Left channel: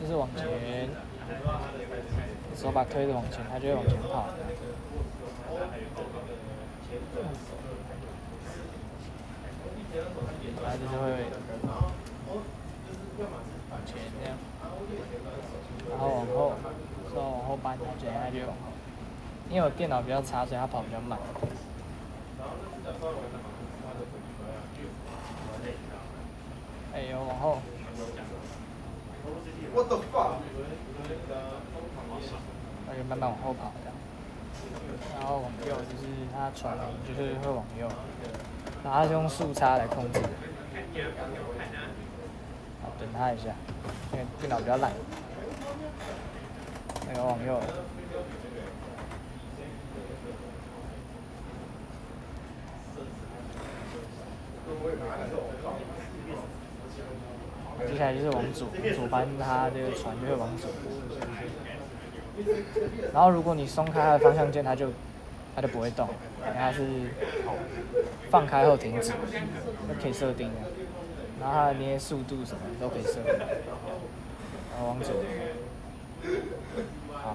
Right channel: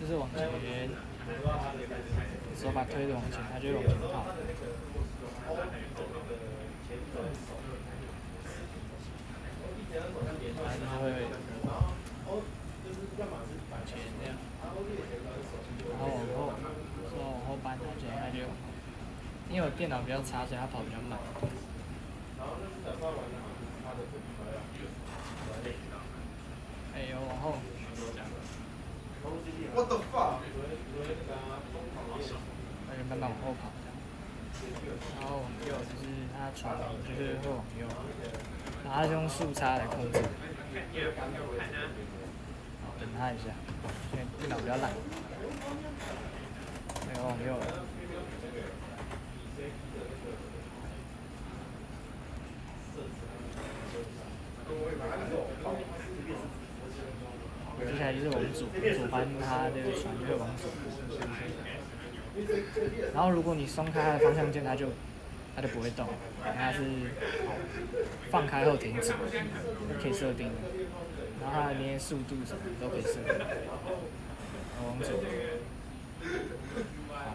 就是往前，手把推着往前，它就会往前跑。它就是会往前这样，然后往后，手往后搬，它就因为我电脑比较差，所以它跑比较慢。哎呦，往后。What the fuck？ 它就慢慢往后跑的，然后往右就是它传就是会往右，然后它是用速差来控制。好，等它一下，因为电脑比较烂。那个往右。接下来就是往左搬，它的船就会往左。然后如果你松开它的方向键，它就不会动，因为它是放开后停止，都可以设定的。然后它的那些速度什么都可以设定。然后往左。好。